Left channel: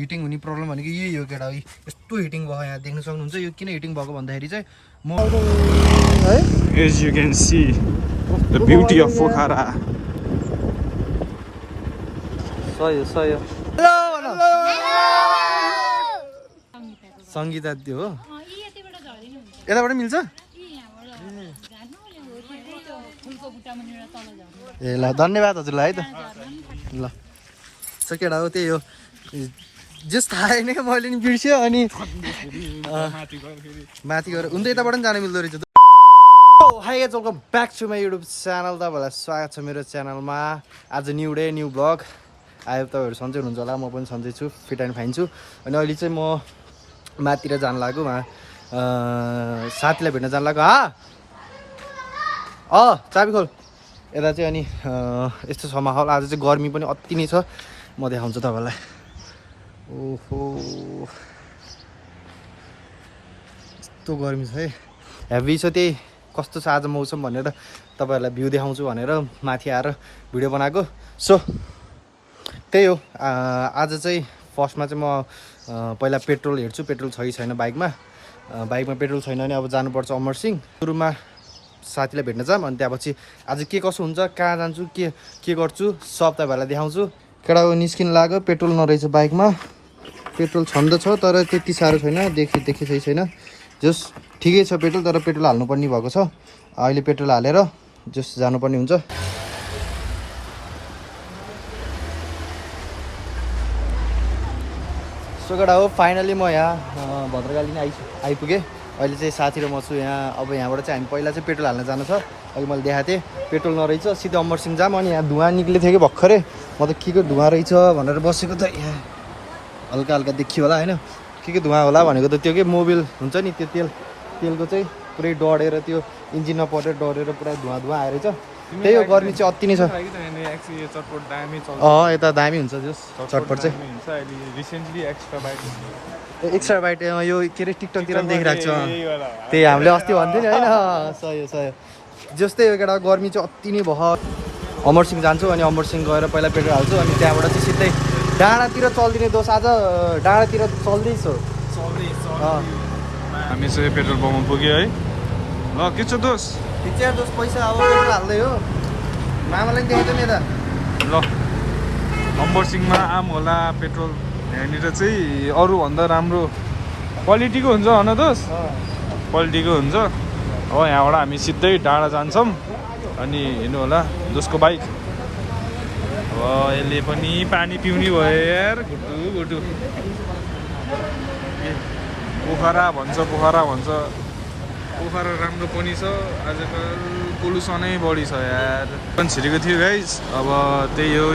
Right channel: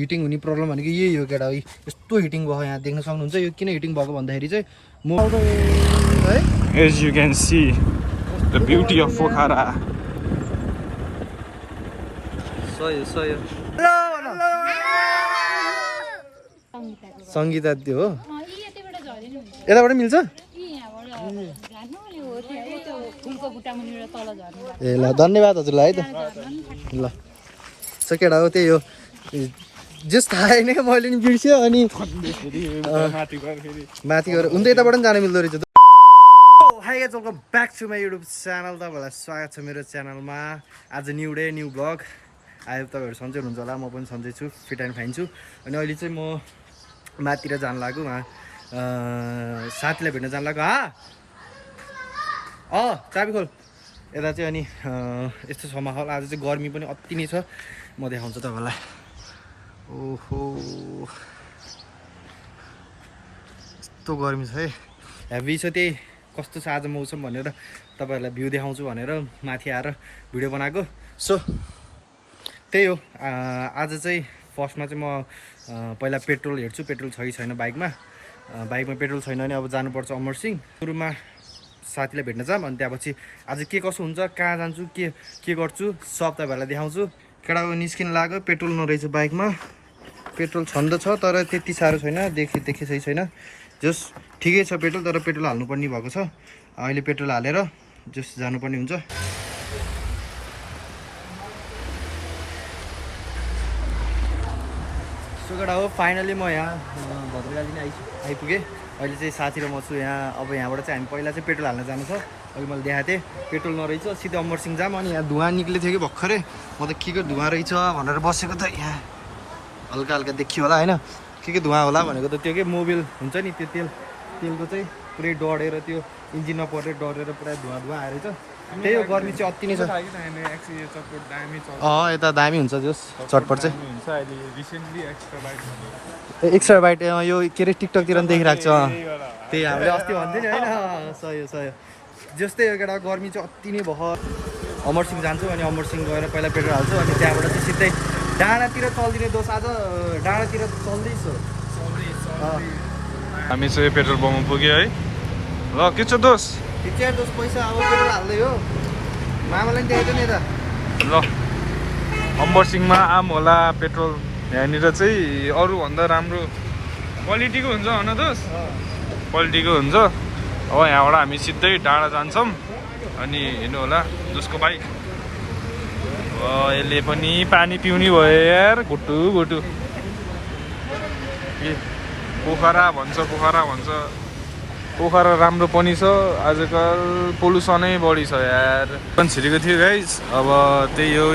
Heating हुने problem भनेको यही हो केटा। यस्तो हिटिङ भयो यहाँ देख्न सक्नुहुन्छ। यो किन हिटिङ भएको भन्दाखेरि चाहिँ म As you can see the beauty of Pokhara. सय सङ्गीता त्यो हो यताबाट मिल्छ ए ल धन्यवाद हजुरलाई है त ल सो केटा हो त्यही हो जस थाहा नै मैले नि बिर्स्यो अनि माथि गएर उन त यताबाट पनि जान मिल्दो रहेछ। Hi guys welcome back to my YouTube channel. तपाईँहरूलाई स्वागत छ मेरो च्यानलमा। आज न्यू डे न्यू ब्लग। आयो तपाईँहरू सन्चै हुनुहुन्छ होला, म पनि सन्चै छु, फिट एन्ड फाइन छु। अनि अहिले चाहिँ म माथितिर जान लाग्यो साथीलाई भेट्न जान लाग्यो। चाबी खोल यता चाहिँ। अनि यस्तो छ माहौल। आज चाहिँ गर्मी पनि अति नै छ, म देखाउँछु तपाईँलाई। ओहो यस्तो गर्मी छ है, हेभी छ। त्यही कस्तो छ आज मौसम भनेर तपाईँहरूलाई भ्यू देखाउँछु भनेर माथि आएर भिडियो बनाएको। सो त्यही हो। आज चाहिँ फर्स्टमा चाहिँ म पहिला पेट्रोल हेर्छु, पेट्रोल छ कि छैन बाइकमा। पेट्रोल छैन भने अब जानुपर्छ अमरसिंह। सुरुमा साथीलाई भेट्न जाम, अनि त्यहाँपछि आज के कसो हुन्छ, कहाँ जान्छु, के गर्छु सब तपाईँहरूलाई देखाउँछु। केटाको निस्किन लाग्यो, पेट्रोल नरहेछ बाइकमा। पेट्रोल छन्द छ तर त्यति साह्रो छैन, देखि सही छैन। जस ठिकै छ पेट्रोल, तर पेट्रोल हाल्नुपर्ने भएको छ। अहिले पेट्रोल हालेर जस जानुपर्ने हुन्छ। सो केटा हो फाइनली म यहाँ भद्रकाली नै आइपुगेँ। अहिले चाहिँ साथी र म छु यहाँ। अब यहाँबाट चाहिँ हामी पहिला चाहिँ पेट्रोल हाल्न जानु छ। अहिले मैले देखाएको थिएँ पेट्रोल नरहेछ, सिधै अमरसिंह जाम। अनि यहाँ धुवा निक्लेको थियो कि भर्खरै, म त के धुवा रहेछ भनेर बसेको त। यहाँ हल्का हल्का देखियो होला होइन, के धुवा होला भनेको त त्यो के मोबिल हुन्छ नि, त्यो तेलको चाहिँ पुरै डढेर त्यो इन्जिनमा परेर डढेर पुरा धुवा आएर छ। त्यही हो, गर्मी चाहिँ अति नै छ। यता दामी हुन्छ जस चटपट चाहिँ। एक्स्ट्रा बाइट यो के अरे टिकटकतिर पनि देखिरहेको छ। त्यही हामीले अस्ति भन्थ्यो नि होइन, सही जस्तै हो केटा। गर्मी चाहिँ अति नै भयो। अमरसिंह जान्छु, अनि अमरसिंह गएर पहिला पेट्रोल हाल्छु, अनि त्यहाँबाट चाहिँ सिधै डाँडातिर चल्दिने। दोष आज डाँडातिर चल्दैछु। हामी चाहिँ पेट्रोल पम्पमा पुग्यो है। ल के छ दोष? ठिक छ दोष, पैसा अब पेट्रोल हाल्दै हो। मामालाई पनि देखाइदियो नि यता। ल अमरसिंहमा आम होला पेट्रोल। यहाँनिर चाहिँ अरूभन्दा राम्रो क्वालिटीको हुन्छ होइन दोष? क्वालिटीको हुन्छ। अब यहाँबाट हामी सिधै डाँडा जान्छौँ। अनि हेर्नु होला दोषको बाइक। अब यसले पनि पानी पिउने भयो यार, घुटु पोखरा भन्छ। पोखरा राम्रो पनि छ, आजकल पोल्युसनै बढी छ यार। पनि छिरेको थियो गाइस। अब त्यही हो,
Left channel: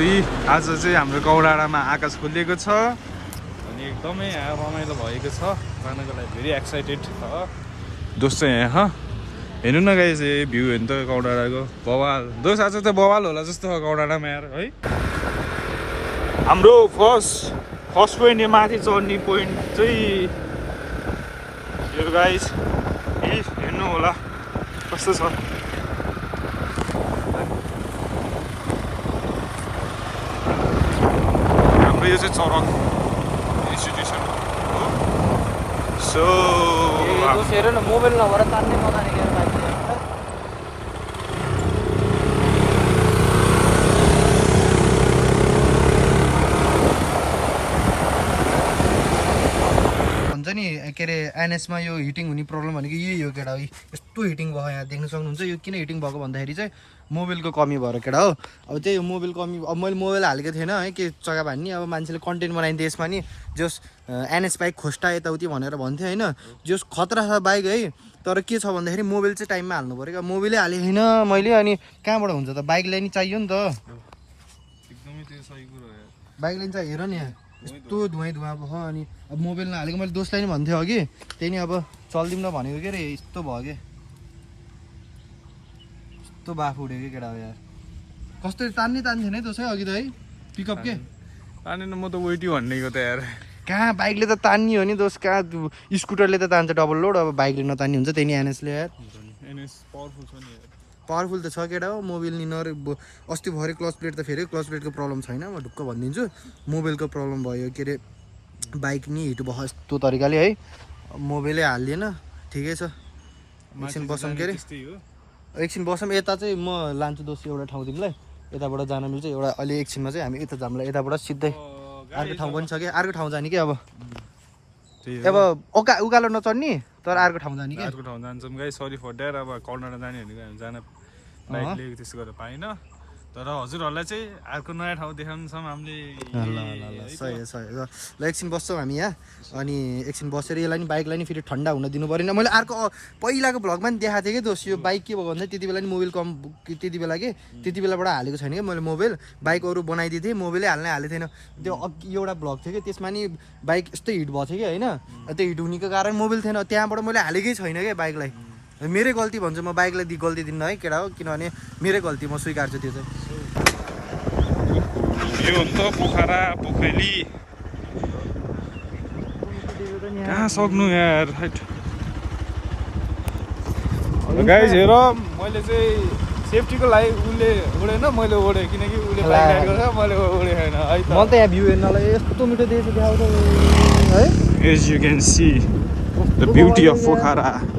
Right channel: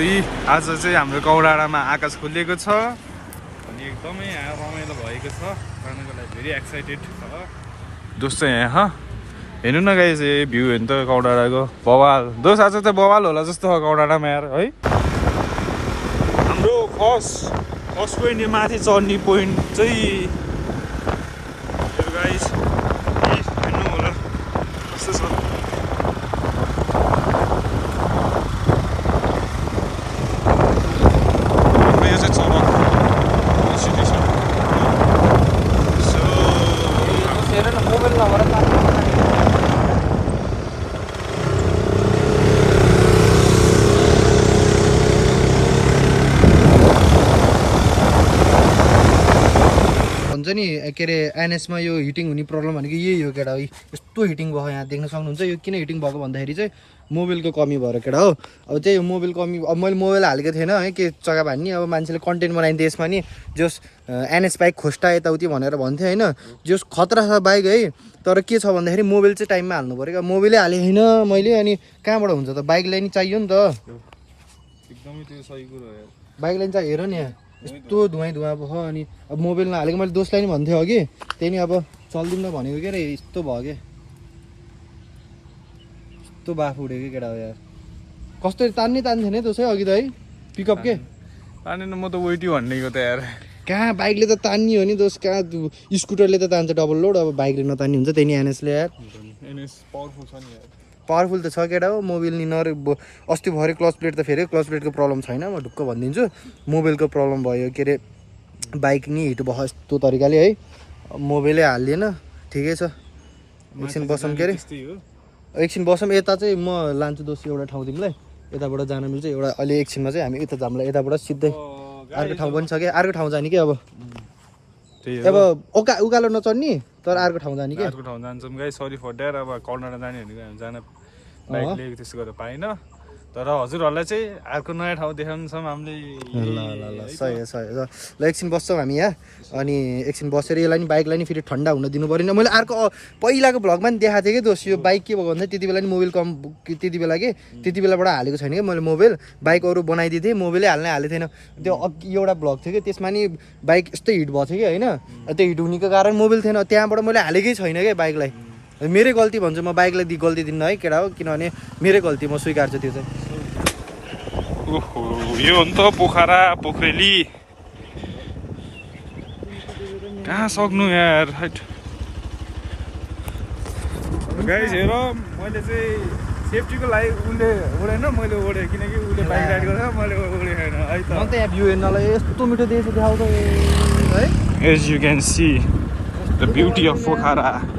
आज चाहिँ हाम्रो कौडाडामा आकाश खोलिएको छ। अनि एकदमै यहाँ रमाइलो भएको छ, जानको लागि भेरी एक्साइटेड छ। दोष चाहिँ यहाँ हेर्नु न गाइस, भ्यू हेर्नु त कौडाडाको बवाल। दोष आज चाहिँ बवाल होला जस्तो हो कौडाडामा यार है। हाम्रो फर्स्ट पोइन्ट, यो माथि चढ्ने पोइन्ट चाहिँ यो गाइस। हेर्नु होला कस्तो छ। हाम्रो यो चाहिँ चरक इन्स्टिट्युसन हो। सो हुन्छ नि के अरे एनएसमा यो हिटिङ हुने प्रब्लम भनेको यही हो केटा। यस्तो हिटिङ भयो यहाँ देख्न सक्नुहुन्छ। यो किन हिटिङ भएको भन्दाखेरि चाहिँ मोबिलको कमी भएर केटा हो। अब त्यही हो मोबिल कमी। अब मैले मोबाइल हालेको थिएन है, के जग्गा भन्ने। अब मान्छेले कन्टेन्ट बनाइदियो यसमा नि, जस एनएस बाइक खोस्टा यताउति भनेर भन्थ्यो होइन। जस खतरा छ बाइक है, तर के छ भन्दाखेरि मोबिल चाहिँ टाइममा हाल्नु पऱ्यो। मोबिलै हालेको होइन मैले, अनि कहाँबाट हुन्छ त? बाइकलाई नि चाहियो नि त। एकदमै त्यो सही कुरो हो यार, बाइकलाई नि चाहिँ हेर नि यहाँ यस्तो धुवा भयो। अनि अब मोबिल नहालेको मैले दोस्तलाई नि भन्थ्यो अघि, त्यही नि अब चल्दिउँ न भनेको के अरे यस्तो भयो कि यस्तो बाफ उठ्यो कि केटा हो यार। कस्तो तान्थ्यो नि दोष है अघि त है, पिकअप के तानेन। म त वेटी भन्नेको त यार। कहाँ बाइकले त तान्ने हो नि दोष, कहाँ स्कुटरले त तान्छ डबल लोड। अब बाइकले नतान्ने हुन्छ, त्यही नि एनएसले यार। एनएस पावरफुल छ नि यार। पावरफुल त छ केटा हो। मोबिल नि अस्ति भरे क्लच प्लेट त फेरि क्लच प्लेटको प्रब्लम छैन, म ढुक्क भनिदिन्छु। मोबिलको प्रब्लम भयो के अरे बाइक नि हिट भयो यस्तो तरिकाले है मोबाइलै हालिएन ठिकै छ एकछिन बसौँ के अरे एकछिन बसौँ यता चाहिँ म लान्छु दोस्रो एउटा ठाउँ तिमीलाई यताबाट जान मिल्छ एउटा अहिले एकछिनमा चाहिँ हामी यता जाउँला यताबाट सिधै अर्को ठाउँ पनि छ कि अर्को ठाउँ जाने कि अब अब उकालो नचढ्ने तर अर्को ठाउँ जाने कि अर्को ठाउँ जान्छौँ गाई सरी फर द्याट अब कर्नाटक जाने भनेको हामी जान बाइक लिएको त्यसो गरेर पाइनँ तर हजुरहरूलाई चाहिँ अर्को नयाँ ठाउँ देखाउँछौँ हामीले ल सही हो सही हो ल एकछिन बस्छौँ हामी यहाँ अनि एकछिन बसेर यसलाई नि बाइकलाई नि फेरि ठन्डा हुन दिनु परेन मैले अर्को पहिलाको भ्लगमा नि देखाएको थिएँ कि दोस्त यो बाइक के भएको भन्दा त्यति बेला नि मोबाइल कम त्यति बेला कि त्यति बेलाबाट हालेको छैन कि मैले मोबाइल बाइक अरू बनाइदिएको थिएँ मोबाइलै हालेको थिएन त्यो अघि एउटा भ्लग थियो कि त्यसमा नि बाइक यस्तो हिट भएको थियो कि होइन त्यो हिट हुनेको कारण मोबाइल थिएन त्यहाँबाट मैले हालेकै छैन क्या बाइकलाई मेरै गल्ती भन्छु म बाइकलाई गल्ती दिन्न है केटा हो किनभने मेरै गल्ती म स्वीकार्छु त्यो चाहिँ यो हो नि त पोखरा पोखरेली कहाँ सक्नु यार हाइट गाइज हेर मैले चाहिँ सेफ्टीको लागि उसले उडेन मैले उडेँ किनकि उसले बाइक राइड गर्छ मैले उडेँ होइन है त म त यहाँ भ्यू हेर्नलाई यस्तो मिठो देख्छु देखाउँछ है as you can see the beauty of Pokhara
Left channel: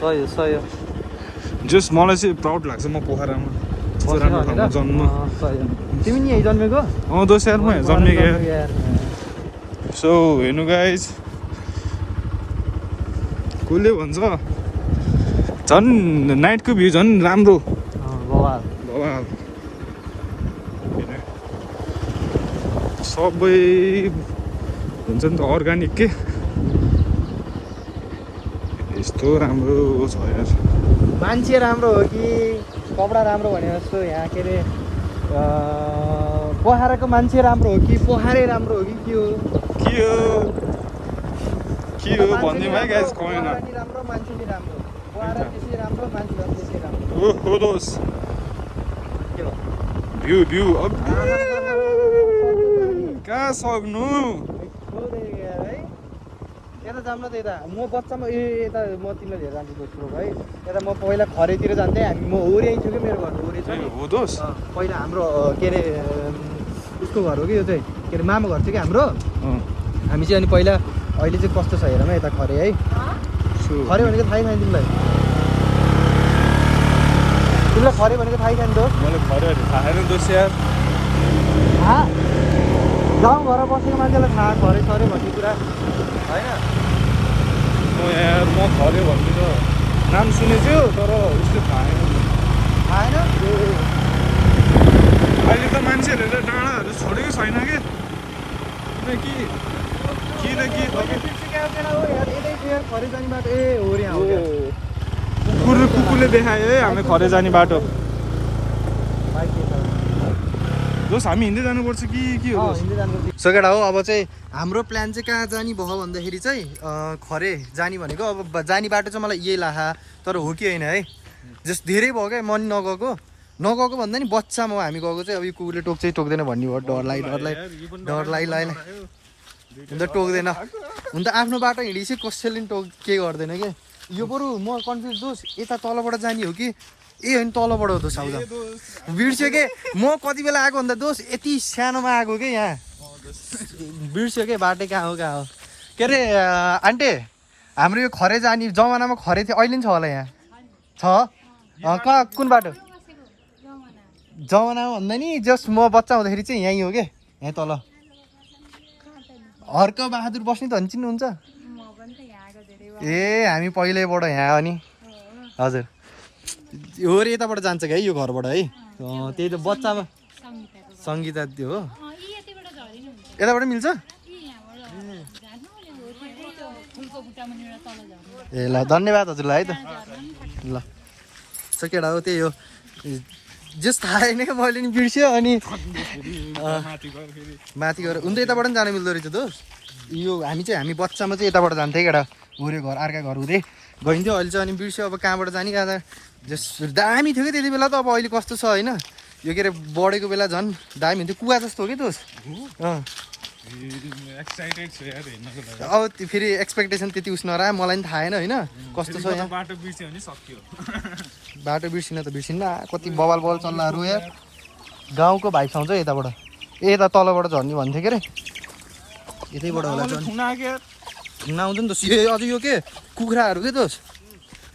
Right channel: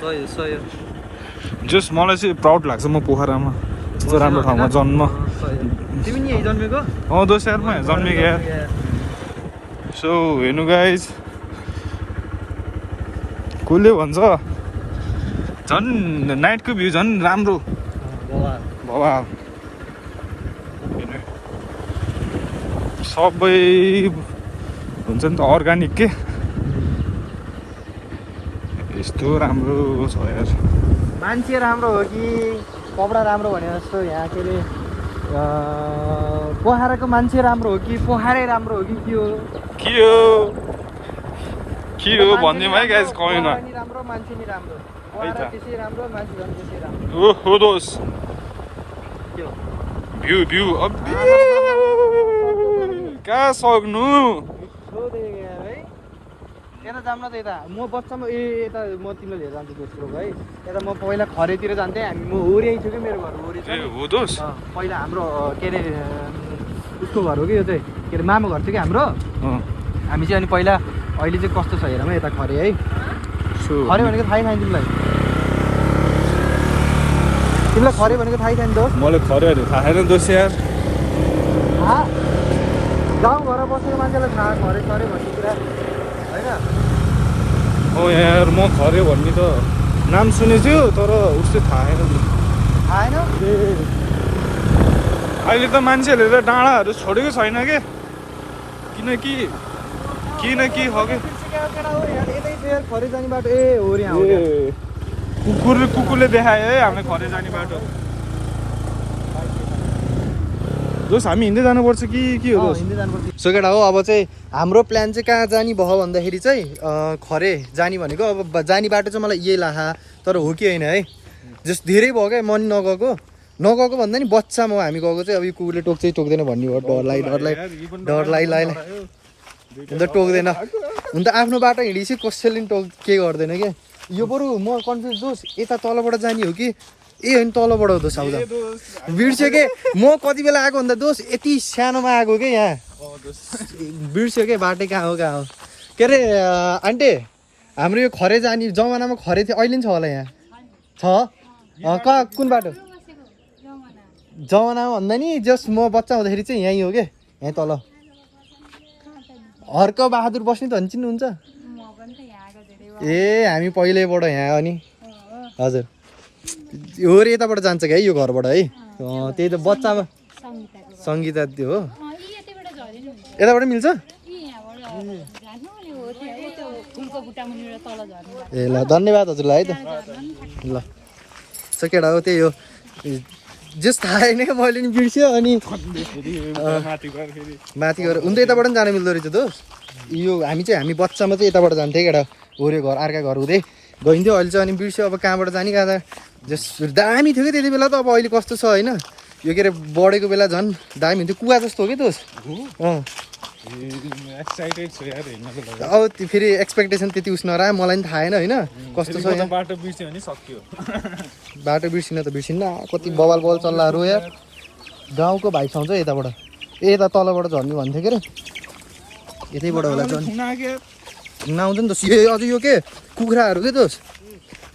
सही सही जस्ट मलाई चाहिँ प्राउड लाग्छ म पोखरामा यस्तो राम्रो ठाउँमा जन्म तिमी नि यही जन्मेको दोस्यारमा जन्मेको यार सो हेर्नु गाइज कसले भन्छ झन् नाइटको भ्यू झन् राम्रो भवाल सबै हुन्छ नि त अर्ग्यानिक के यस्तो राम्रो छ यार मान्छे राम्रो हो कि कपडा राम्रो भनेर जस्तो यहाँ के अरे पोखराको मान्छे राम्रो हो कि पोखरै राम्रो हो कि के हो भनिदिउँ है गाइज कमेन्टमा राम्रो मान्छे नि राम्रो त्यसै राम्रो मान्छे त्यसै राम्रो ओहो दोस के हो भ्यू भ्यू कहाँ सक्नु यता जाऊँ न त यता म बच्चामा यता म तिमीलाई लिएर जान्छु दोस्रो है यता म पहिला खरेतिर जान्थेँ हामी म ओरियाइ थियो कि मेरो घर ओरि हो दोस पहिला हाम्रो के अरे उसको घर हो कि यो चाहिँ के अरे मामा घर थियो कि हाम्रो हामी चाहिँ अनि पहिला अहिले चाहिँ कस्तो छ हेरौँ यता खरे है खरे भनेको थाहै छैन तिमीलाई खरे भनेको थाहै छैन दोस्त मलाई खरेहरू थाहा छैन दोस गाउँघर बसेको मान्छेलाई थाहा खरे खरे भन्ने कुरा होइन हो यार म खरे भन्ने त नाम सुनेछु तर उस्तो आएन अहिले त मान्छेहरूले डाँडाहरू छोडेको छैन कि किन कि खरे जाने बाटो हो रे कुकुरले देखायो है हामीले खरे जाने बाटो दोस् हामी हिँड्दै जानुपर्छ कि के हो दोस् सो केटा हो अब चाहिँ हाम्रो प्लान चाहिँ कहाँ जाने भयो भन्दाखेरि चाहिँ खरे जाने भनेको अब जाने बाटो चाहिँ मलाई यही लाहा तर हो कि होइन है जस्ट धेरै भयो क्या मन नगएको भन्दा नि बच्चामा हामी गएको चाहिँ अब यो कुकुरले टोक्छ टोक्दैन भन्ने भयो डरलाई हुन त टोक्दैन हुन त आफ्नो बाटो हिँडेपछि कसैले पनि के गर्दैन क्या यो बरु म कन्फ्युज दोस् यता तलबाट जाने हो कि होइन तलबाट हो दोस् आउँदा बिर्स्यो के म कति बेला आएको भन्दा दोस् यति सानोमा आएको क्या यहाँ बिर्स्यो के बाटो कहाँ हो के अरे आन्टी हाम्रो यो खरे जाने जमानामा खरे थियो अहिले पनि छ होला यहाँ छ कहाँ कुन बाटो जमानामा भन्दा नि जस्ट म बच्चा हुँदाखेरि चाहिँ यहीँ हो क्या यहीँ तल हर्क बहादुर बस्ने त चिन्नुहुन्छ ए हामी पहिल्यैबाट यहाँ अनि हजुर हो रे यताबाट जान्छ क्या यो घरबाट है त्यही त बच्चामा सङ्गीता त्यो हो यताबाट मिल्छ ए ल धन्यवाद हजुरलाई है त ल सो केटा हो त्यही हो जस थाहा छैन क्या मैले नि बिर्स्यो अनि माथि गएर हुन त यताबाट पनि जानु मिल्दो रहेछ दोस् यो हामी बच्चामा चाहिँ यताबाट जान्थ्यो केटा होऱ्यो घर अर्का घर हुँदै गइन्थ्यो अहिले चाहिँ अनि बिर्स्यो अब कहाँबाट जाने कहाँ जस दामी थियो कि त्यति बेला त अब अहिले कस्तो छ होइन यो के अरे बढेको बेला झन् दामी हुन्थ्यो कुवा जस्तो हो कि दोस् एक्साइटेड छु यार हेर्नको लागि अब फेरि एक्सपेक्टेसन त्यति उस नरा मलाई पनि थाहा होइन कस्तो छ यहाँ बाटो बिर्स्यो भने सक्यो बाटो बिर्सिन त बिर्सिन्न कति बवाल चल्लाहरू यार गाउँको भाइ आउँछ यताबाट यता तलबाट झर्ने भन्थ्यो के अरे यतैबाट होला झन् आउँछ नि त अझै यो के कुखुराहरू के दोस्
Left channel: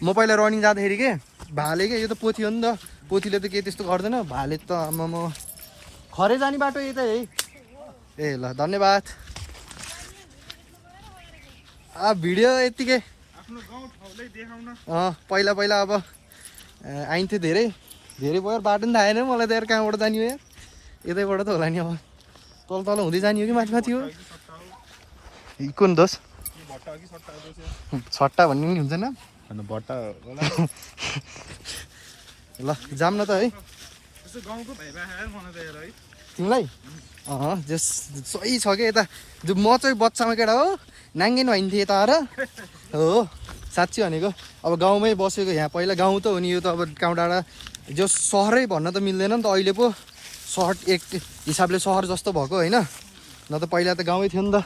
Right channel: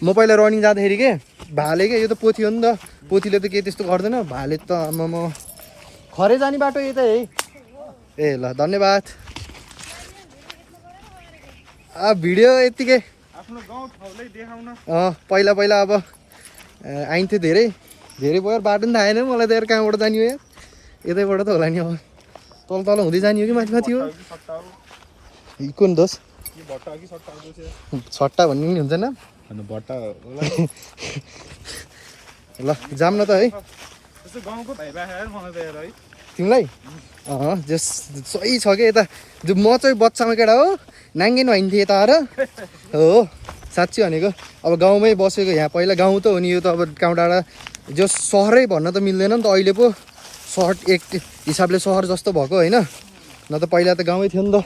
म पहिला रनिङ जाँदाखेरि के भाले के यो त पोथी हो नि त पोथीले त के त्यस्तो गर्दैन भाले त म खरे जाने बाटो यतै है ए ल धन्यवाद भिडियो यतिकै आफ्नो गाउँ ठाउँलाई देखाउन पहिला पहिला अब आइन्थ्यो धेरै भयो बाटो नि थाहा आएन मलाई त यार कहाँबाट जाने हो यार यतैबाट त होला नि अब तल तल हुँदै जाने हो कि माथि माथि हो कुन दोष सट्टा भन्ने पनि हुन्छ नि भट्टा ल जाम न त है गाउँको भाइ राखेर मलाई त हेर है तिमीलाई जस सही छ कि यता जो म चाहिँ बच्चामा केटा हो नाङ्गेन भइन्थेँ यता आएर हो साँच्ची भनेको अब गाउँमै बसेको यहाँ पहिला गाउँ त हो नि यो त अब गाउँ डाँडा जो सहरै भन्न त मिल्दैन नि त अहिले पो सहर एक हिसाबले सहर जस्तो भएको होइन न त पहिला त गाउँमै थियो नि त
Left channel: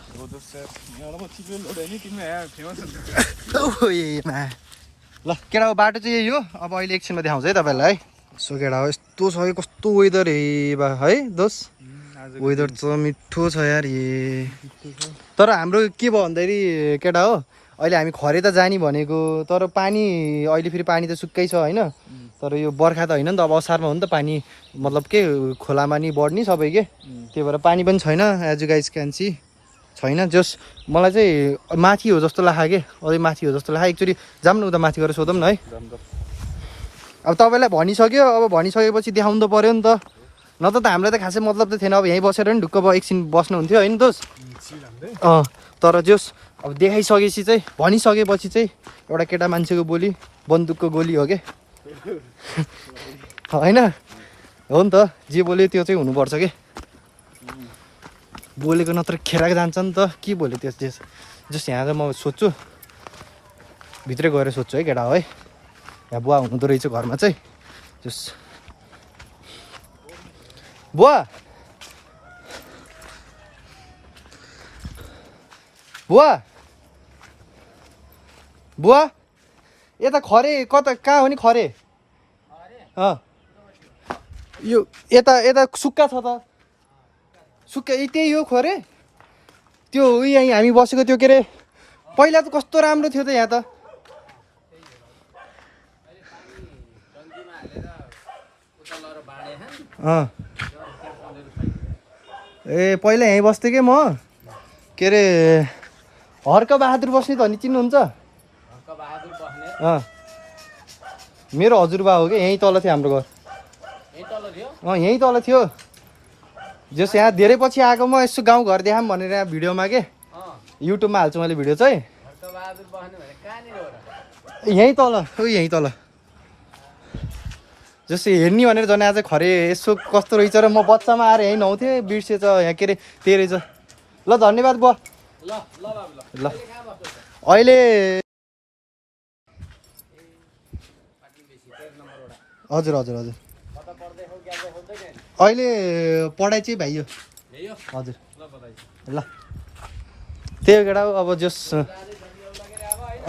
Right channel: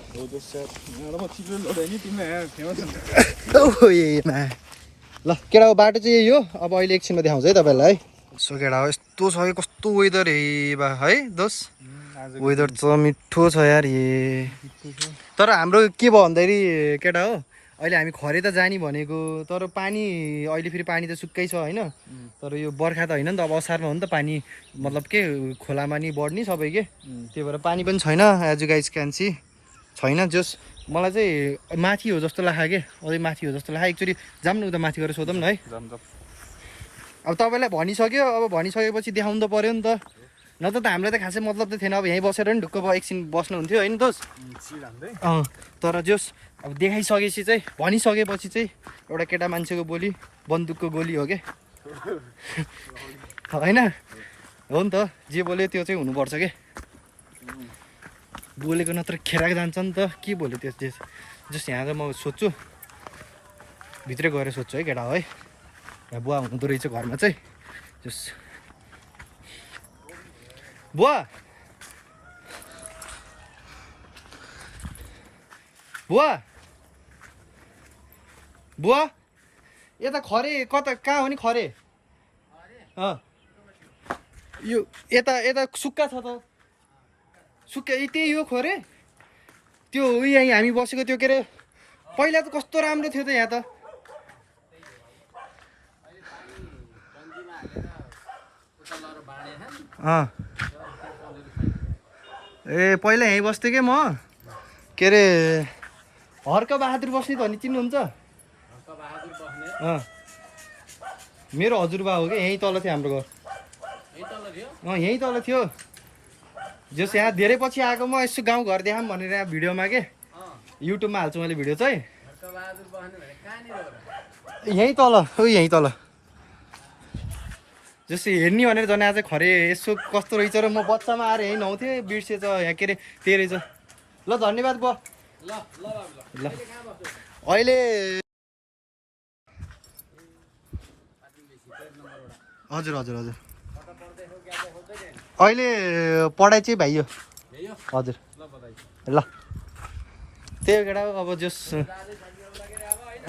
ल केटा हो बाटो चाहिँ यही हो अब अहिले एकछिनमा देखाउँछ है तपाईँहरूलाई सो केटा हो यस्तो छ कि कस्तो वेदर हे बा है दोस् वेदर त मिठो छ यार ए तर हाम्रो के भयो भन्दाखेरि केटा हो अहिले हामी खरे त जाने भनेको तर पानी अहिले फेरि पानी त सुक्कै छ होइन तर यो बर्खा त होइन नि त अब असारमा हो नि त पानी मतलब के खोलामा नि बढ्ने सबै के त्यही भएर पानी पनि छैन as you guys can see छैन जस मलाई चाहिँ माथि हो जस्तो लाग्यो के अझै माथि हो जस्तो लाग्यो एकचोटि जाऊँ न उता माथि गएर सोधौँ न है अब तपाईँलाई भनिसक्यो अब भनिसकेपछि देखाउनु त पऱ्यो नि त नत्र त हामीलाई त खासै मतलब त थिएन अब यहीँ बसेर नि ढुक्क एकछिन बस्नु हुन्थ्यो होइन दोस् तर जोस् अब देखाइसकेपछि चाहिँ भनिसकेपछि चाहिँ एउटा केटा मान्छेको बोली बन्दुकको गोली हो के होइन हो नि त जे बोल्यो त्यो चाहिँ हुनुपर्छ कि बोलेको नत्र खेराको जान्छ नि त के बोल्यो त्यस जस यहाँ चाहिँ म सोध्छु भित्रै गएर सोध्छु है केटा हो है यहाँ बुवा हुँदो रहेछ घरमा चाहिँ जस बुवा बुवा बुवा यता खरे कता कहाँ हो नि खरे यो यता यता सुक्खा छ त सुक्खा त्यही हो खरे त्यो यहीँ हामी बसेको त्यो के अरे पहिला त कस्तो राम्रो थियो त यहाँ त ए पहिला यहीँ बस्थेँ कि म के अरे हर्क बहादुर बस्ने त नि चिन्नुहुन्छ मेरो हजुरबा हो कि यहीँ तल थियो हाम्रो घर यहीँ तल थियो जस यहाँ धेरै पछि आएको म यसो गाउँ घर देखाऊँ भनेर यहाँ भिडियोमा के युट्युबमा हाल्छु मैले भिडियो चाहिँ यहीँ तल यहीँ तल जस्तै हेर्ने भनेर झन् आज खरे यसो कस्तो रहेछ र म बच्चामा आएर यहीँ नहुन्थेँ बिर्सेछ यहाँ के अरे त्यही रहेछ ल धन्यवाद बुवा ल अहिले हजुर हजुर हजुर अहिले पढाइ चाहिँ भइयो हजुर ल त्यही केटा अब जस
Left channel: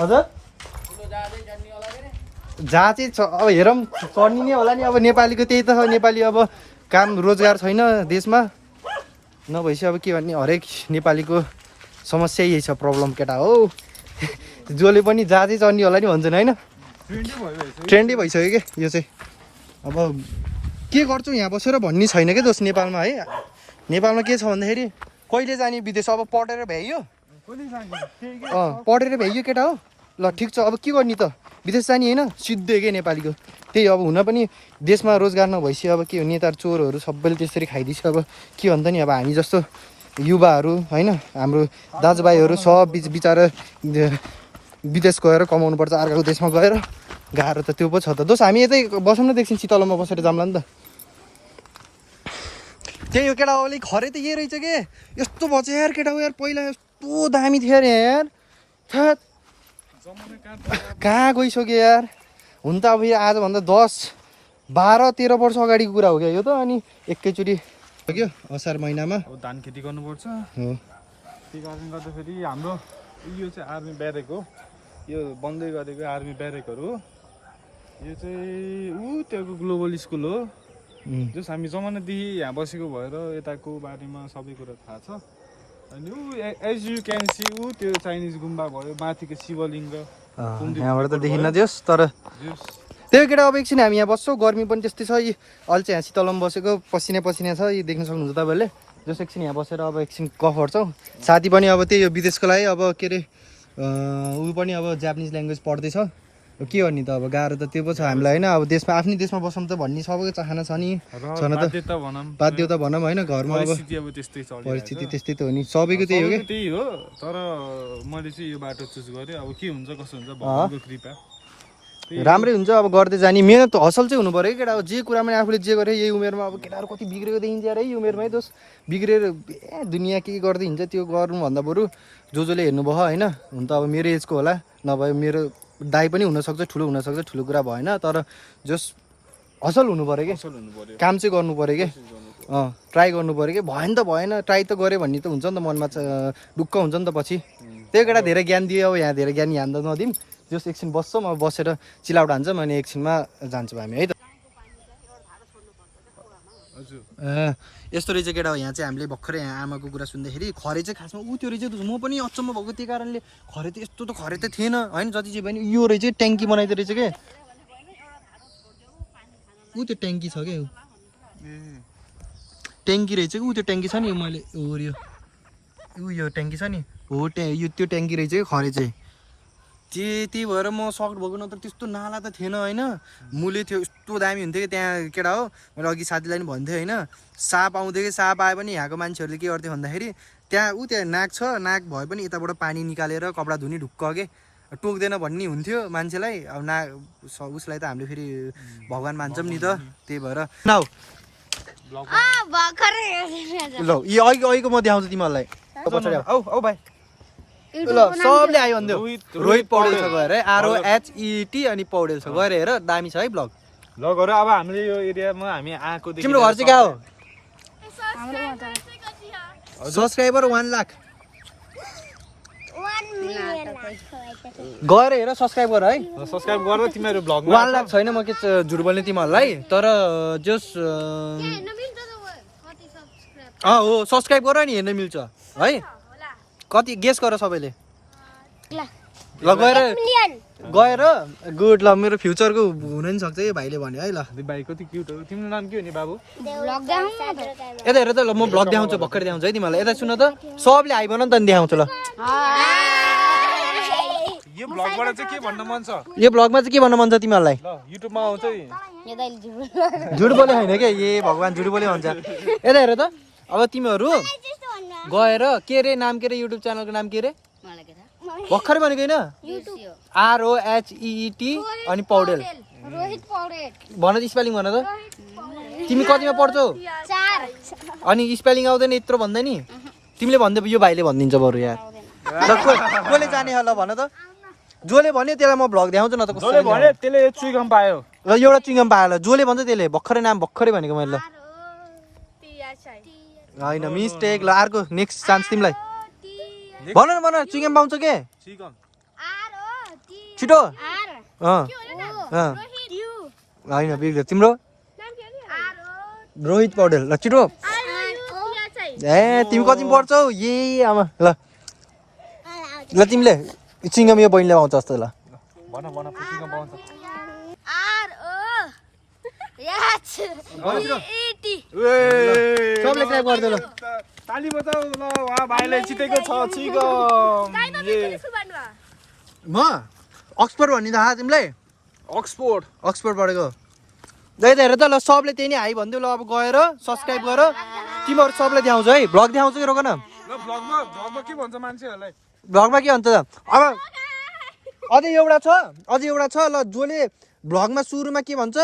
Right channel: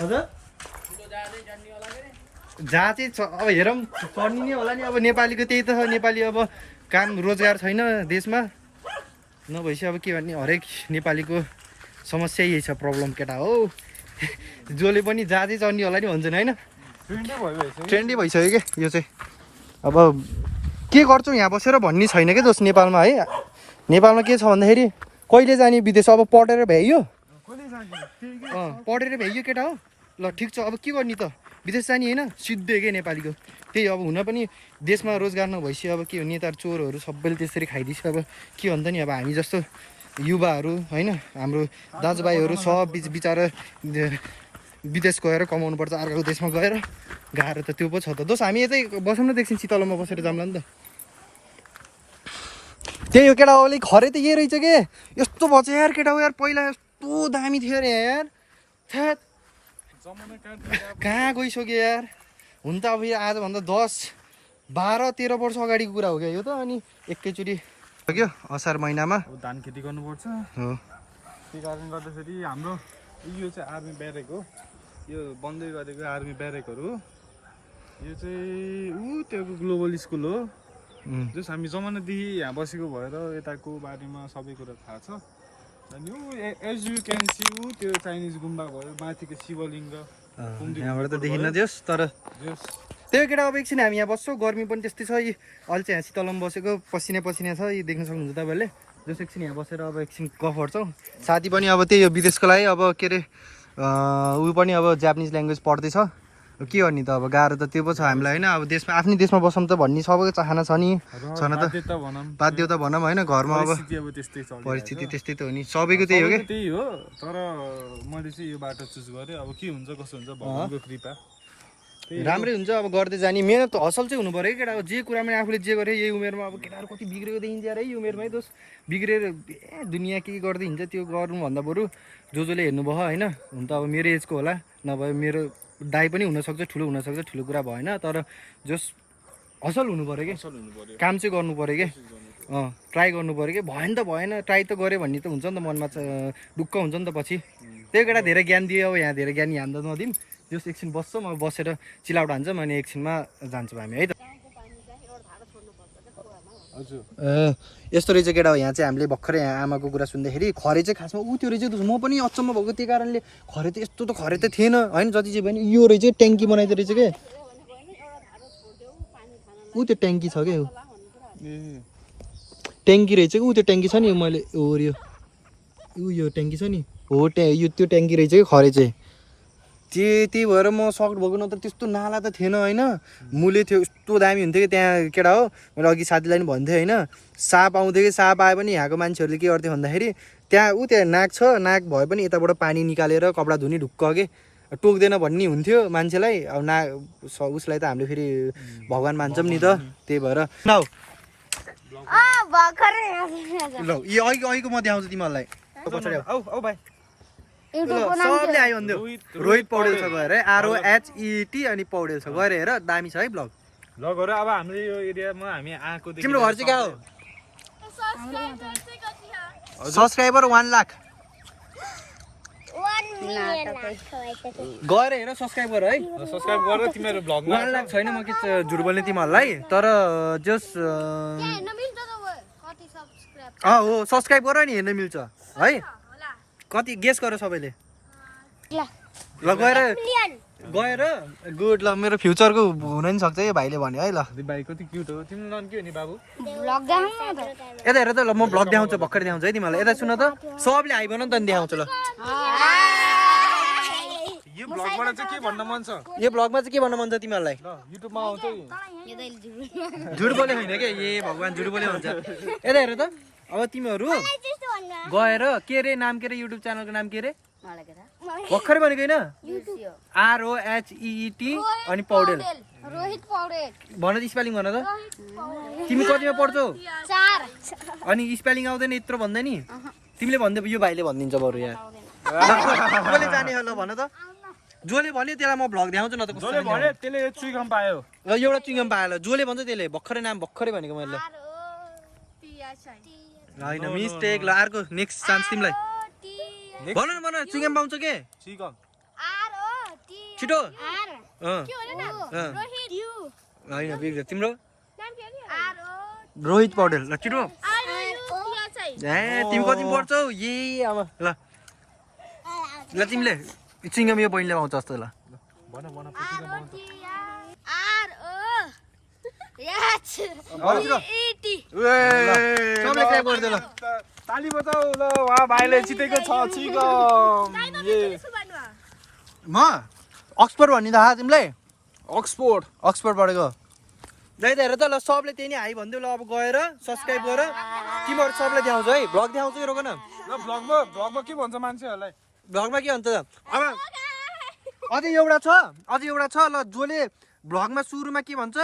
हजुर जहाँ चाहिँ अब हेरौँ चढ्ने नै होला नि अब नेपालीको त्यही त छ नेपाली अब काम रोजगार छैन देशमा नभएपछि अब के भन्ने हरेक नेपालीको समस्या यही छ प्रब्लम केटा हो जसले पनि जहाँ चाहिँ चढ्ने होला नि भन्छन् होइन ट्रेन्डै भइसक्यो कि यो चाहिँ अब के गर्छौँ यहाँ बसेर भन्ने छैन क्या दोस्त नेपालमा है नेपालमा के छ भन्दाखेरि कहिले जाने विदेश अब पढेर भ्याइयो पढेर भ्याइयो केटा हो ल ठिक छ अब के गर्ने त विदेश जाने होइन सिद्धै के नेपालीको त्यही अब हुन पनि देशमा रोजगार नभएपछि अब के हो नेता चोरहरू सबैले त्यसरी खाइदिन्छ अब के भन्छ नि अब हामी जस्तो युवाहरू होइन हाम्रो दाजुभाइहरू सब बिचरा विदेश गएर कमाउनु पर्छ अर्काको देशमा गएर गाह्रो त त्यो पो छ त दोस् हामी यतै बसौँ न देखिन्छ शीतलमा बसेर जाउँला नि त त्यही हो केटा अलिक खरे त यही रहेछ के यस्तो भएछ यार केटा हो यार पहिला यस्तो दामी थियो अरे यार कहाँ गइसक्यो यार हुन त अब यो आजभन्दा 10-12-13 वर्ष अगाडिको कुरा हो क्या यो त अनि एकैचोटि सक्यो असार महिनामा अब धान खेती गर्नुपर्छ हो त्यही कारणले गर्दाखेरि हाम्रो यो चाहिँ आर्मी ब्यारेक हो यो बन्दै गरेको आर्मी ब्यारेकहरू हो यो चाहिँ त्यो ग्लोबल स्कुल हो जस हामी जमानादेखि यहाँ बसेको भएर यताको बारेमा सबै कुरा थाहा छ। अनि ऊ एज यु क्यान सी ऊ त्यो चाइनिज गुम्बा भयो, माथिको शिवलिङ्ग यहाँबाट त देखिन्न दियोस्, तर त्यही केटा अब एकछिन हामी यहाँ बस्छौँ। गर्मी पनि त्यस्तै छ, यी अहिले चाहिँ यहाँ शीतलमा बसेको पसिना पसिना छ, यी देख्न सक्नुहुन्छ तपाईँहरूले। जस एकछिन यहाँ बसेर अब एकछिन गफ गर्छौँ। साथी पनि अब त्यही हो विदेशको लागि, अब के अरे ऊ पनि अब जापानिज ल्याङ्ग्वेज पढ्दैछ। के गर्ने त अब गाह्रो त त्यो पो छ हामीलाई होइन। अब देशमा आफ्नै देशमा बसौँ त भन्ने सबैको चाहना छ नि, छैन त बाध्यता भनौँ होइन। घरमा अब परिस्थिति त्यस्तै त हो नि, सबैको त्यही हो कि। त्यही हो, तर मैले चाहिँ यो बाटो चुज गरेँ। अब के हुन्छ कसो हुन्छ भगवानको कृपा, राम्रै हुन्छ। अब गर्दै जाने मिहिनेत हसल चाहिँ हुनु पऱ्यो केटा। अब जे कुरामा आफूले जे गरे यही उमेरमा, अब केटाहरू कति बिग्रेको देखिन्छ यार यही उमेरमै। दोस् बिग्रेर दुनियाँ के गर्दै हिँड्छ त्यो गर्नुभन्दा बरु जसले हेर्नुभयो होइन। हुन त अब मेरो एजको होला, नभए मेरो दाइ पनि हुनसक्छ, ठुलो हुनसक्छ, ठुलो कुरा भएन। तर जस असल हुनु पऱ्यो कि, काम चाहिँ गर्नु पऱ्यो कि, ट्राई गर्नु पऱ्यो कि। भएन त भएन, ट्राई त गऱ्यो भन्ने त हुन्छ नि त, मनमा ढुक्क हुन्छ नि त पछि। त्यही केटा धेरै ज्ञान दियो, अब यहाँ धेरै ज्ञान हान्दा नदिउँ। जस एकछिन बस्छौँ, अब बसेर चिलाउट हान्छौँ, अनि एकछिनमा जान्छौँ हामी है त। यस्तो रहेछ केटा। यहाँ चाहिँ हामीले भर्खरै यहाँ आमाको कुरा सुन्दाखेरि खरे चाहिँ खासमा ऊ त्यो रहेछ। म पनि अचम्म भएको त्यही कारणले, खरे त यस्तो त खरे त थिएन होइन। जति चाहिँ भयो नि यो रहेछ ट्याङ्की बनाइदिएको रहेछ के, ऊ त्यो ट्याङ्की छ क्या, ट्याङ्की रहेछ कि ऊ त्यो ट्याङ्की छ नि। मैले यो ट्याङ्की छ नि हो, यो त्यो ट्याङ्की रहेछ कि खरे चाहिँ। त्यही भएर म सक्ट भएको, नत्र त्यस्तो नाला त थिएन होइन। मुले थियो यस्तो दामी हुन्थ्यो कि त्यहाँ केटा हो। मैले अघि साथीलाई पनि भन्थेँ होइन, साप आउँथ्यो कि साप आए पनि यहाँको मान्छेहरूले के गर्थ्यो भन्दाखेरि त्यहाँ नाक छ, नाक भए पनि यताबाट पानी निकालेर कपडा धुने ढुक्क के टोक्दैन भन्ने हुन्थ्यो मान्छेलाई। अब उसलाई त हामीले फेरि भगवान् मान्छौँ नि त, त्यही भएर ल यो अघिको म देखाउँछु तिमीहरूलाई पछाडि। औ भाइ ल सबले आयो भन्थ्यो रोहित पौडेल छ गएर है, ROHET अनि पौडेल छ गएर हेर, दामी छ है ब्लग। अब हामीले यो एरियामा हामी आएको। तिम्रो घर चाहिँ कहाँ हो? सब्सक्राइबर 1 लाख गएर हेर, सब्सक्राइब गर है, सब्सक्राइब गर। तिमीहरू ब्लग 1 लाख छैन, म के झुट बोल्ने तिमीहरूलाई। तर जस हो सब्सक्राइब गर नि, हेर्न मिल्छ है। कति गेस गर सबैले। ल गएर गुड। ल मेरो फ्युचरको हुन नि सक्छ यो भाइले भन्यो है। ल भाइ कति क्युट हो। तिम्रो नाम के हो नि बाबु? यता हेर त, ल म ब्लग देखाउँछु, भर्खर देखाउँछु है तिमीलाई। यता सुन त, सबले हाई भन नि त, देखाउँछु ल। यो ब्लगबाट चाहिँ के भन्न मन छ? यो ब्लगमा चाहिँ के भन्न मन छ तिमीहरूलाई? युट्युबमा आउँछ झुट बोले होइन क्या, ए भगवान् झुट बोले भन्छ। यता हेर त, अब तिमीहरू गएर के अरे नाम के अरे युट्युब च्यानलको नाम के अरे भर्खर भनेको होइन? ROHET अनि पौडेल भन त, स्पेलिङ भन त। तिमी कतिमा पढ्छौ? 4 अनि स्पेलिङ आउँदैन यत्रो भन्दै नि? तिमीले भन्दै यो भाइले भनिदिन्छ बरु यार। कसले जाने होला भन त? जसले भन्यो त्यसलाई म भ्लग देखाउँछु न त। कसले त्यसले चुइगम पायो ल, एउटा चुइगम पायो ल। जसले भन्छ त्यसले भर्खरै नाम भर्खरै भनेको मैले। ल होइन मिस्टेक। ल अर्को नेक्स्ट चान्स तिमीलाई। भन न भन, चुइगम पाउँछ के? छिटो होइन बिग्रियो तिम्रो। रोहित पौडेल। ल छिटो। ए तिमी कति पढ्छौ? ए आमा। ल ल तिमीले चुइगम यो बहिनीले पाउँछ जस्तो। ल सबले क्राइब गरिदियो। ल ताली बजाऊ ल, भाइले जितेको छ चुइगम। म अक्सफोर्ड भन्ने थाहा तिमीलाई? अक्सफोर्ड पढेको। हेर त, ल सबले त्यही नै हाई भनिदियो। ल अब गएर सब्सक्राइब गर। तिमीहरू सबले देखाउँछ है, भ्लग देखाउँछ कि रोक न। ल भ्लगमा के भन्छ मान्छेहरूलाई? भ्लगमा के भन्छ त? अब अझै एउटा छ ल, जसले भ्लगमा सुरुमा के भन्छ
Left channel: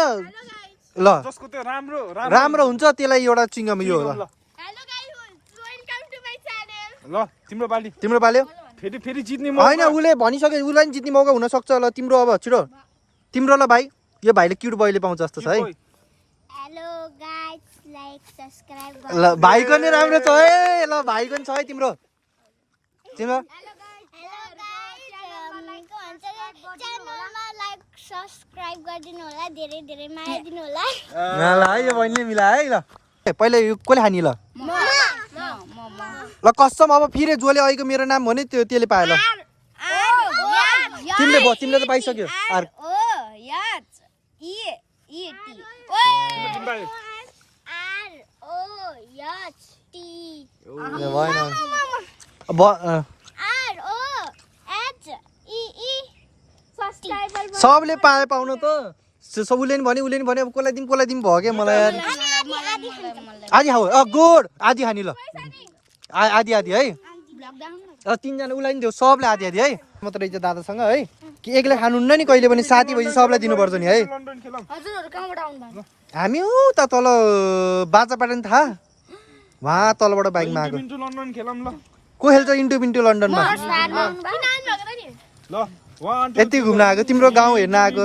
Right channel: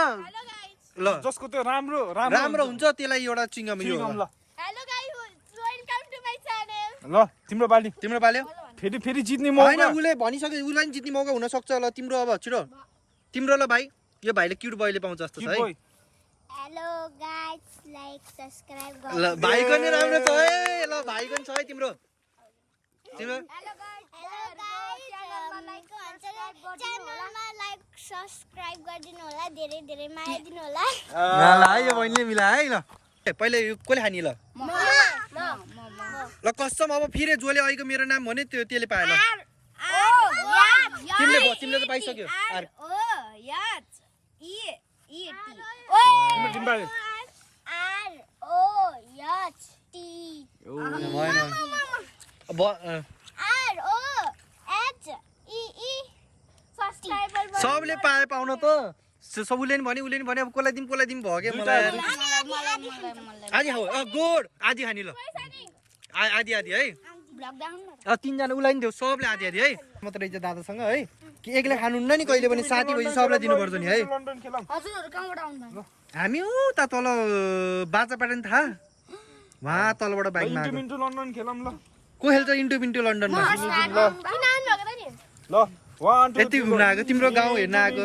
ल, जसको त्यो राम्रो हुन्छ त्यसलाई एउटा चुइगम यो होला। ल तिम्रो पाल्यो फेरि जित्ने होइन, उसले भनिसक्यो, उसलाई नि जित्ने मौका हुनसक्छ। ल तिम्रो अब छिटो, तिम्रो। ल भाइ यो भाइले क्युट बयले पाउँछ जस्तो छ है। हेलो गाइस, लाइक सब्स्क्राइब गर्नु। ल भाइको नि राम्रो छ है। ल भाइको नि छ है तिम्रो। हेलो गाइस, च्यानलमा लाइक सब्सक्राइब गरिदिनु होला धेरै धेरै माया दिनु होला ल है यो बहिनीले मिला है ल पहिला यो कसले खानी ल ल कसम अब फेरि जसले अहिलेको मेरो नाम भन्यो त्यसले पायो ल तिमीले भयो तिमीले त पाइसक्यो भएन सबले पाए पाउन त सबले नि भने उसले नि भने अब कसलाई दिउँ भयो क्या मलाई यार आधी खाऊ गुड आधी खानी ल आधी आधी है तिनजना उसलाई नि देऊ सबले आधी आधी है मात्र रहेछ दादासँग है कि एक्लै खानुहुन्न नि कहिले पनि साथी भएपछि सबलाई दिनुपर्छ नि है हामी उता तल बाजाबाट नि थाहा उहाँ तलबाट बाइकमा आएको लन्डन खेलौँ ल को खेल्छ इन्टु पिन्टु लन्डनमा ल 1 यति घुम्न आएको तिम्रो गाउँ हेर्न आएको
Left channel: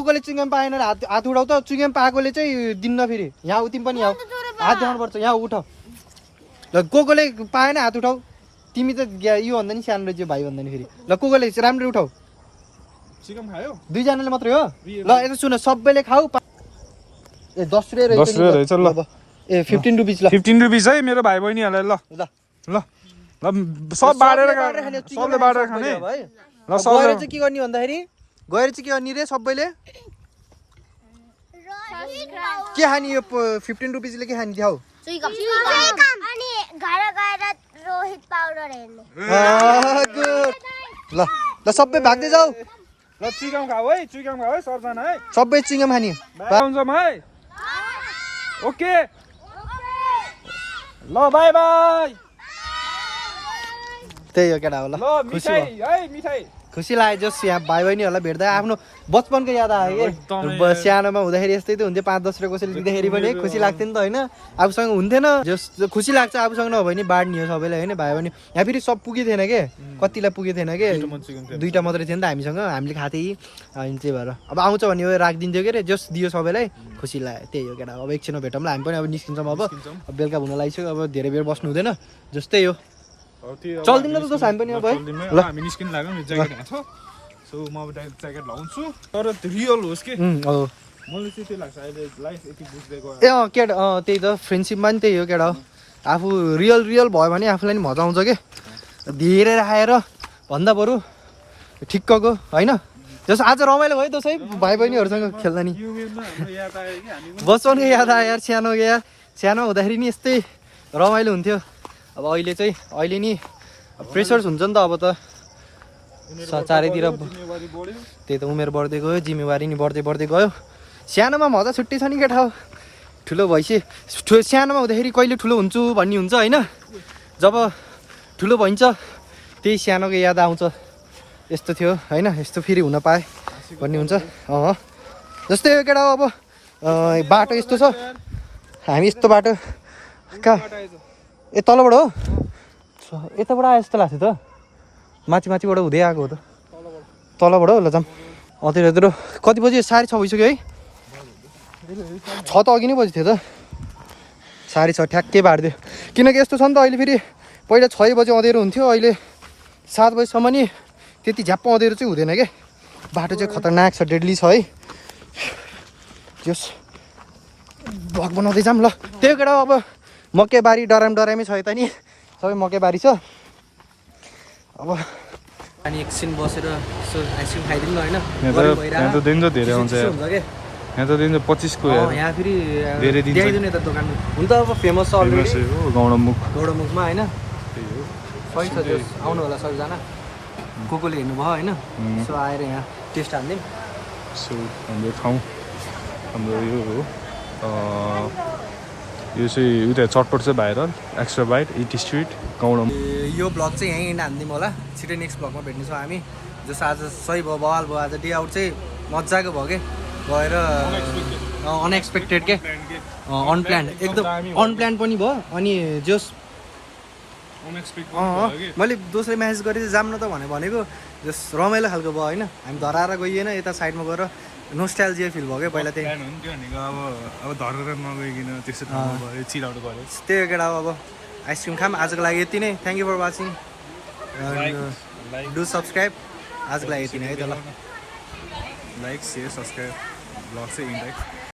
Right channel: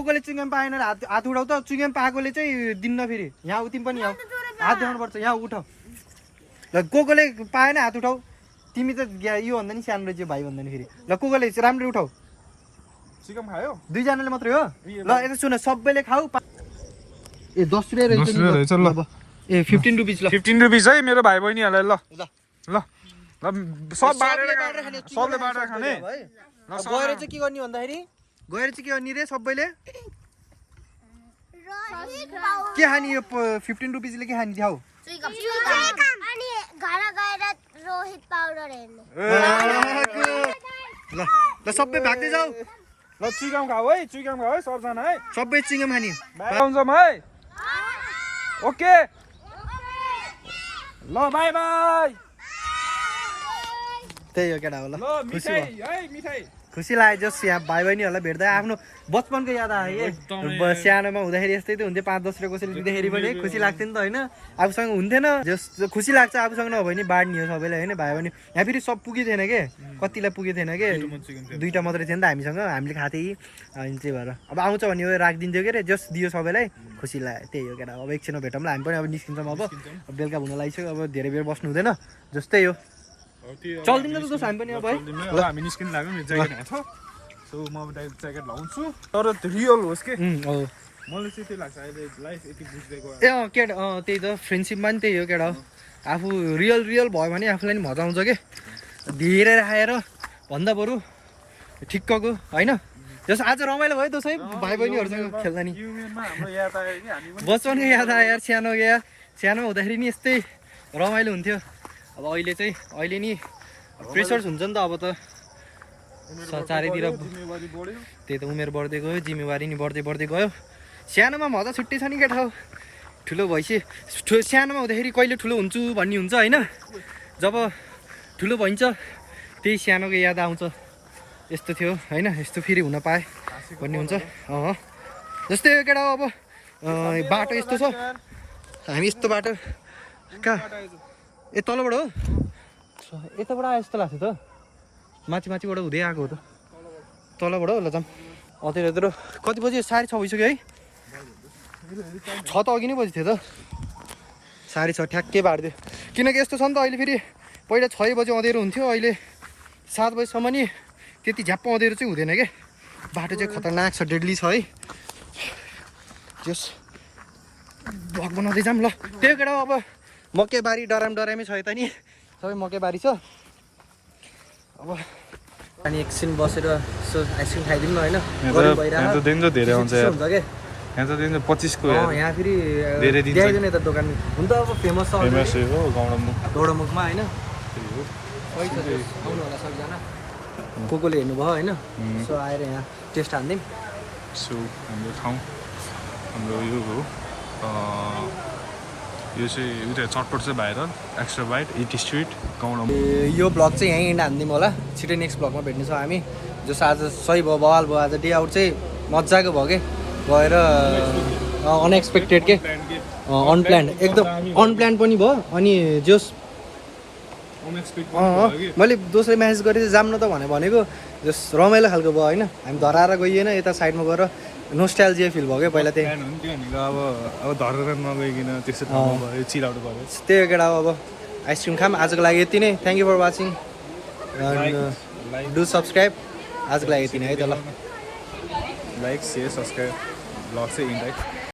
कसले चुइङ्गम पाएन हात उठाउ त चुइङ्गम पाएकोले चाहिँ दिन्न फेरि यहाँ तिमी पनि आऊ हात देखाउनुपर्छ यहाँ उठ ल कसले पाएन हात उठाउ तिमी त यो भन्दा नि सानो रहेछ भाइ भन्दा नि फेरि ल कसले राम्ररी उठाउ चिकन खायो दुईजनाले मात्रै हो ल यता सुन सबैले खाऊ ए 10 रुपियाँ रहेछ ल ए 15 रुपियाँ ल 15 रुपियाँ है मेरो भाइ बहिनीहरूलाई ल ल ल सब बाँडेर सबले बाँडेर खाने ल गएर चाहिँ के गर्ने भन्दाखेरि गएर चाहिँ के गर्ने रे सबैले के खाने यो 15 रुपियाँले के खाने देखाऊ अनि घर गएर रोहित पाउडर हेर्ने ल ल सबै भाग्दै जाऊ ल चिकन खाऊ है सबजना है सबै चिङ्गम खाने है ओके ल बाई बाई त्यही हो केटा हो ल ल खुसी मिठाई भयो है मिठाई खुसी लाग्यो जस यहाँ भाइ बहिनीहरूलाई भेट्दा आफ्नो बचपनको याद आयो कि सानोमा हुँदाखेरि यस्तै त हुन्थ्यो 5-10 रुपियाँ कसैले दिँदाखेरि पनि खुसी लाग्थ्यो नि त होइन आफूसँग हुन्थेन जस खुसी लाग्छ आफूसँग नभए नि बाँड्ने हो सबैलाई होइन भाइ बहिनी यहाँ फेरि सब पुगेको थिएन के कतिलाई पुगेको थिएन के 2टा मात्रै थियो नि त हामीसँग हामीले खाथ्यौँ अनि त्यही भएर अब आउँछ भने राखिदिन्थ्यो के अरे जस दियो सबैलाई खुसी लाग्यो त्यही हो केटा अब एकछिनमा भेटौँ ल हामी पनि अब निस्किन्छौँ अब बेलुका हुन लागिसक्यो अब धेरै बेर बस्नु हुँदैन जस्तै हो चल्दिन त दोस्त हामी पनि अब है ल हामी निस्किनु लाग्यो नि ज्याकेट हाछ सो म अब ज्याकेट लाउँछु तर रियल होस् के हो मलाई चाहिँ त्यही लाग्छ अहिले लाइफ यति बुझ्दै गयो ए केटा त्यही त फ्रेन्डसिपमा नि त्यही हो केटा हो आफू रियल भयो भने आफूलाई नि मजा आउँछ कि धेरै राखेर भन्दा बरु ठिक्कको होइन जस्तो आज रमाइलो भयो दसैँ भाइ बहिनीहरूसँग खेल्दा नि बचपनको याद आयो यार सानो हुँदाखेरि नि यस्तै रमाइलो हुन्थ्यो अब अहिले नि प्रेसर्स हुन्छ नि त अब त चारैतिर त्यही त उमेर बढ्दै गयो जिम्मेवारी नि बढ्दै गयो सानोमा मजा छुट्टै छ नि केटा हो ठुलो भएपछि सानोमा हुँदाखेरि कहिले ठुलो हुन्छु भन्ने हुन्छ होइन जब ठुलो भइन्छ त्यही सानोको याद आउँछ यस्तो थियो होइन यस्तो फेरि हुन पाए भन्ने हुन्छ जस्तै हो केटा हो अब बाटो यस्तो छ हामी यस्तो बाटो कहाँ ए तलबाट हो यताबाट आयो जस्तो लाग्छ त माथिबाट हुँदै आएको हो त तलबाट हो ल जाऊँ त्यतिर कति बजी 6:30 भइसक्यो है 6 त अघि नै बजी थियो त 6:30 ठ्याक्कै बाँडिदियो किनकि यस्तो छ नि त अहिले फेरि पहिला 6 बजी अँधेरो हुन्थ्यो अहिले 7 बजीसम्म नि त्यति झ्याप्प अँधेरो चाहिँ हुँदैन क्या बाटो चाहिँ खतरनाक छ डेडली छ है त्यस भग बनाउँदै जाऊँ ल त्यही केटा अब मकैबारी डरामै छ यता नि सबै मकैबारी छ अब अनि एकछिन बसेर यसो आइसक्रिम खाइदिउँ न होइन यहाँ त दिन त धेरै आउँछ यार यहाँ त दिन 25 को यार यहाँ फेरि धेरै दिन ल्याइदिउँ यता दोकानमा हुन त अब फेमस हो गौडमुखमा होइन सही छ आउनु होला सबैजना कोले हेर्नुभयो होइन सो आएर यहाँ टेस्ट हान्दिउँ सो हाम्रो ठाउँ हाम्रो यो हो यो चाहिँ उता चटपट चाहिँ viral extra bite eat street गौडमुख यो ब्लग चाहिँ यहीँ हानिदिउँ होला छिटै नेक्स्ट ब्लगमा भेट्नेछौँ हामी जस आज सही भयो बवाल भयो आज डे आउट चाहिँ मजाको भयो कि गएर अनएक्सपेक्टेड के अनप्लान्ड एकदम अनप्लान्ड पनि भयो अनि जस मैले दोस्रो म्यासेज गरेँ जाम न त भनेको जस रमाइलो खालको भयो होइन हामी धराएर गइएन यता साइडमा गएर नोस्टाल्जिया फिल भयो क्या पहिला त्यही अब धरेर नगइकन त्यस्तो ठाउँमा भयो चिलाउनु पर्यो त्यही हो केटा अब आइसक्रिम खाम आजको लागि यति नै thank you for watching do subscribe आजको लागि यति नै है त ल लाइक सेयर सब्सक्राइब ब्लग चाहिँ इन्ड है